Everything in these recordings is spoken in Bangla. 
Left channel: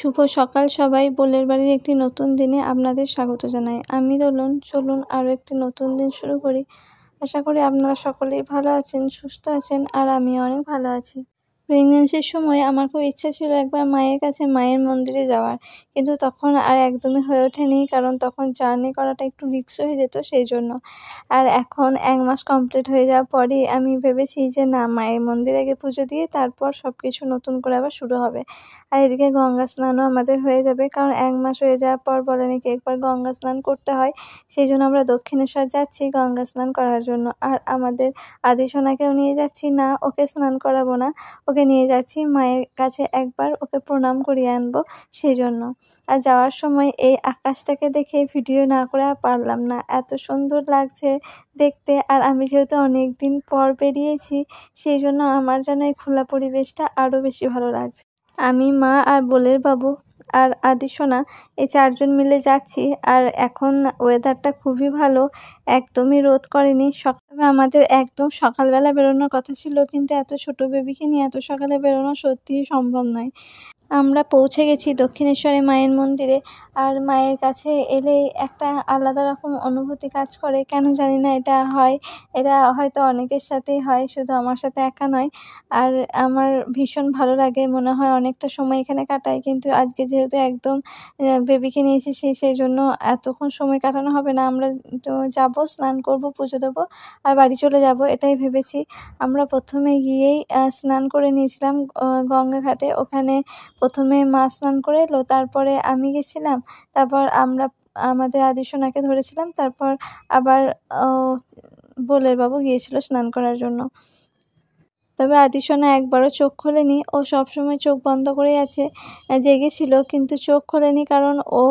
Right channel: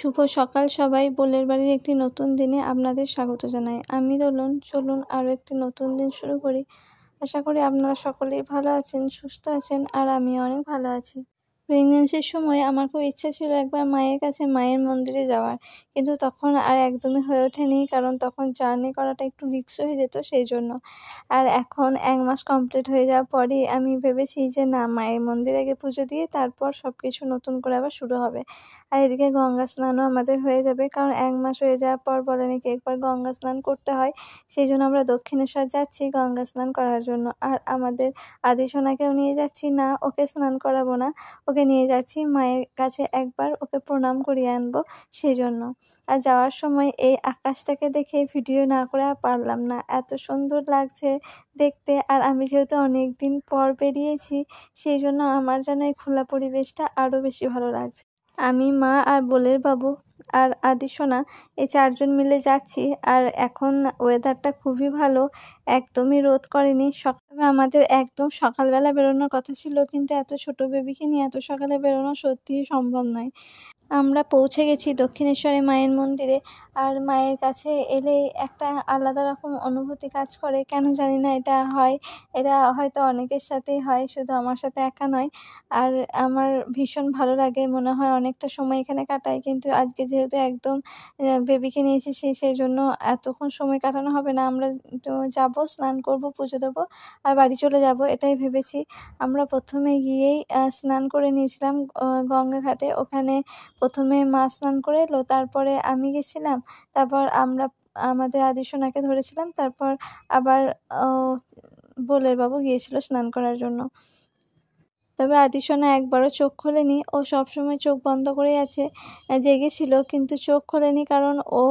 শুভ সকাল সবাই। বোলের বাড়ির একটি নতুন দিনে আপনাদের স্বাগত জানাই। আমি দোলন। চলুন আরও একটি নতুন দিন শুরু করি। আশা করি আপনারা সকলেই ভালো আছেন, সুস্থ আছেন, আর আমি অনেক ভালো আছি। প্রেগনেন্সির সময় আমার খুব ইচ্ছা ছিল একবার মায়ের কাছে, মায়ের মন্দিরে যাওয়ার, কিন্তু তখন আর একদমই হয়ে ওঠেনি, কারণ তখন জার্নি করাটা একটু রিস্ক হয়ে যেত, সেই জন্য। আর এখন 1 মাস কমপ্লিট হয়ে যাওয়ার পরই আমি ভেবেছি যে না, মায়ের মন্দিরে গিয়ে পুজো দিয়ে তারপর সব কিছু নতুন করে আবার শুরু হবে। আর এদিকে গঙ্গা স্নানও আমাদের হয়ে যাবে, কারণ 1 মাস হয়ে যাওয়ার পর বলে নাকি একবার গঙ্গা স্নান করতে হয়। সেই জন্য আমরা দক্ষিণেশ্বর যাচ্ছি গঙ্গা স্নান করার জন্য। আর আমাদের আদিসোনাকেও নিয়ে যাচ্ছি, না ওকে স্নান করাবো না, ওকে নিয়ে যাচ্ছি মায়ের কাছে, একবার ওকে প্রণাম করিয়ে আনবো, সেই জন্য। আর যাওয়ার সময় এই আকাশটাকে দেখে ভিডিও না করে আর পারলাম না, এত সুন্দর লাগছে দেখতে। আর আমি যেহেতু অনেক দিন পর বেরিয়েছি, সেই জন্য আমার যেন এই খোলা পরিবেশটা আরও বেশি ভালো লাগছে। আমি, মা আর বোলের বাবু আর আদিসোনা এই 4 জন মিলে যাচ্ছি। আর এখন ওয়েদারটা খুবই ভালো, একদমই রোদ করেনি। সকালে আমাদের একদম সকালবেলা বেরোনোর কথা ছিল, কিন্তু এত ছোট বেবিকে নিয়ে এত সকালে বেরোনো সত্যিই সম্ভব নয়। আমরা পৌঁছে গেছি দক্ষিণেশ্বরে মায়ের মন্দিরে। আর মায়ের কাছে এলেই একটা আলাদা রকম অনুভূতি কাজ করে, কেন জানি না এটা হয়। এটা হয়তো অনেকের সাথেই হয়, শুধু আমার সাথে একা নয়। আর আমার ভীষণ ভালো লাগে, মনে হয় অনেকটা সময় এখানে কাটাই, কিন্তু আজকে যেহেতু একদম বেবিকে নিয়ে এসেছি, সেই জন্য এতক্ষণ সময় কাটানো হবে না। আমরা যাবো, স্নান করব, পুজো দেবো আর বাড়ি চলে যাব, এটাই ভেবেছি। আমরা প্রথমে গিয়েই স্নান করে নিয়েছিলাম গঙ্গা ঘাটে। ওখানে প্রথমে মা স্নান করে এলো, তারপরে আমি গেছিলাম, তারপর আমরা আমাদের আদিসোনাকে ধরেছিলাম, তারপর আবার বোলের বাবু গিয়েছিল স্নান করার জন্য। তবে আদিসোনা একবারও চোখ খোলেনি, ও সবসময় চোখ বন্ধ করেই আছে, জেগেছিল কিন্তু চোখ খোলেনি, কারণ ও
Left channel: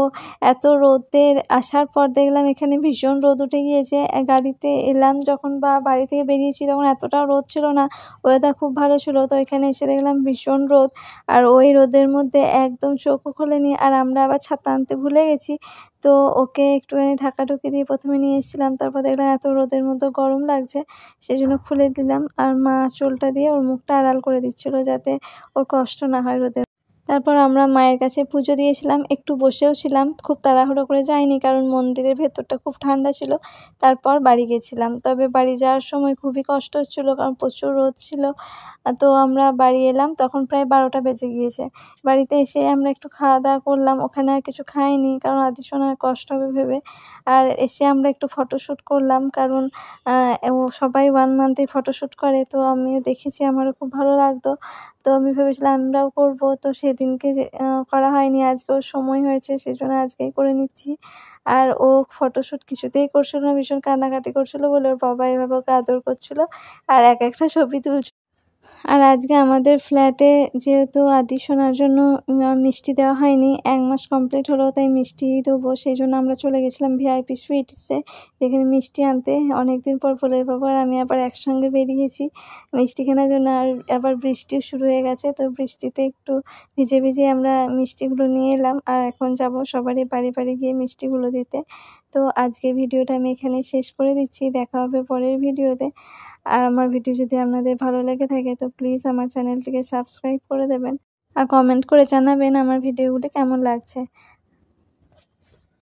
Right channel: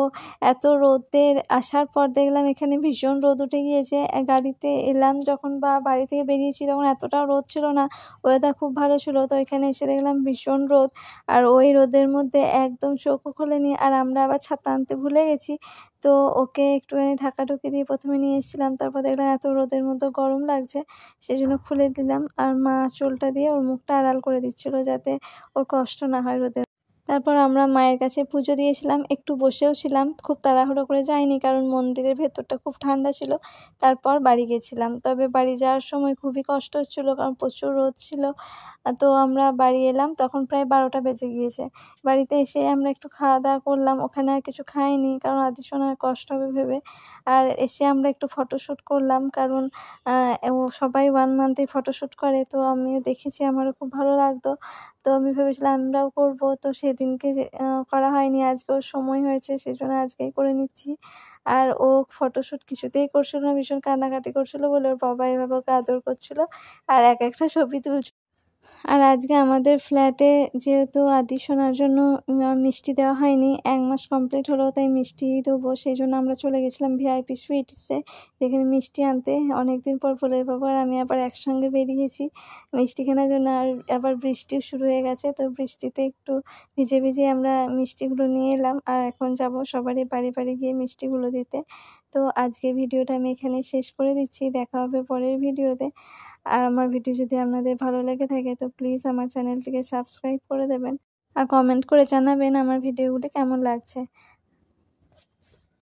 এত রোদের আসার পর দেখলাম এখানে ভীষণ রোদ উঠে গিয়েছে। গাড়িতে এলাম যখন বা বাড়ি থেকে বেরিয়েছি তখন এতটাও রোদ ছিল না, ওয়েদার খুব ভালো ছিল। তো এখানে এসে দেখলাম ভীষণ রোদ, আর ওই রোদের মধ্যে একদম চোখও খোলেনি। আর আমরা আবার ছাতা আনতে ভুলে গেছি, তো ওকে একটুখানি ঢাকাঢুকি দিয়ে প্রথমে নিয়ে এসেছিলাম, তারপর দেখলাম এত রোদের মধ্যে গরম লাগছে, সেই জন্য খুলে দিলাম। আর মা চুলটা দিয়ে ওর মুখটা আড়াল করে দিচ্ছিল, যাতে ওর কষ্ট না হয় রোদে। তারপর আমরা মায়ের কাছে পুজো দিয়েছিলাম, একটু বসেও ছিলাম, খুব তাড়াহুড়ো করে যাইনি, কারণ মন্দিরের ভেতরটা খুব ঠান্ডা ছিল। তারপর বাড়ি গেছিলাম, তবে বাড়ি যাওয়ার সময় খুবই কষ্ট হচ্ছিলো, কারণ প্রচুর রোদ ছিল। তো আমরা বাড়ি এলাম তখন প্রায় 12টা বেজে গিয়েছে। বাড়িতে এসে আমরা একটু খাওয়া দাওয়া করলাম, ওখানে আর কিছু খাইনি, কারণ আদিসোনার কষ্ট হবে ভেবে। আর এসে আমরা একটু ফটোশ্যুট করলাম, কারণ সবাই 1 মান্থেই ফটোশ্যুট করে, তো আমিও দেখেছি, আমারও খুব ভালো লাগতো। তো আমি ভেবেছিলাম আমরাও করব, তো সেদিনকে করা হয়নি, আজকে ওর সময় হয়েছে, সেই জন্য আজকেই করে নিচ্ছি। আর ও ফটোশ্যুট কিছুতেই করছিল না, ভীষণ কান্নাকাটি করছিল বলে ওর বাবা এভাবে ওকে আদর করছিল আর একটা ছবি তুলছিল। আর আজকে আমাদের ফ্ল্যাটে যেহেতু আদিসোনার জন্য মিষ্টি দেওয়া হয়নি, 1 মাস কমপ্লিট হলো, তাই মিষ্টি দেবো, সেই জন্য আমরা চলে গেছিলাম ভিআইপি সুইটসে, যেখানে মিষ্টি আনতে। অনেকদিন পর বোলের বাবা আর আমি আবার একসঙ্গে বেরিয়েছি মিষ্টি কেনার জন্য। আর আবার বৃষ্টিও শুরু হয়ে গেছে, তো বৃষ্টিতে একটু ভিজে ভিজে আমরা মিষ্টিগুলো নিয়ে এলাম। আর এখন যাব সবারই বাড়ি বাড়ি গিয়ে মিষ্টিগুলো দিতে। তো আজকের ভিডিওটা আমি এখানে শেষ করে দিচ্ছি, দেখা হবে পরের ভিডিওতে। আর আমার ভিডিও যদি আপনাদের ভালো লেগে থাকে তো প্লিজ আমার চ্যানেলটিকে সাবস্ক্রাইব করে দেবেন, আর কমেন্ট করে জানাবেন আমার ভিডিওগুলি কেমন লাগছে।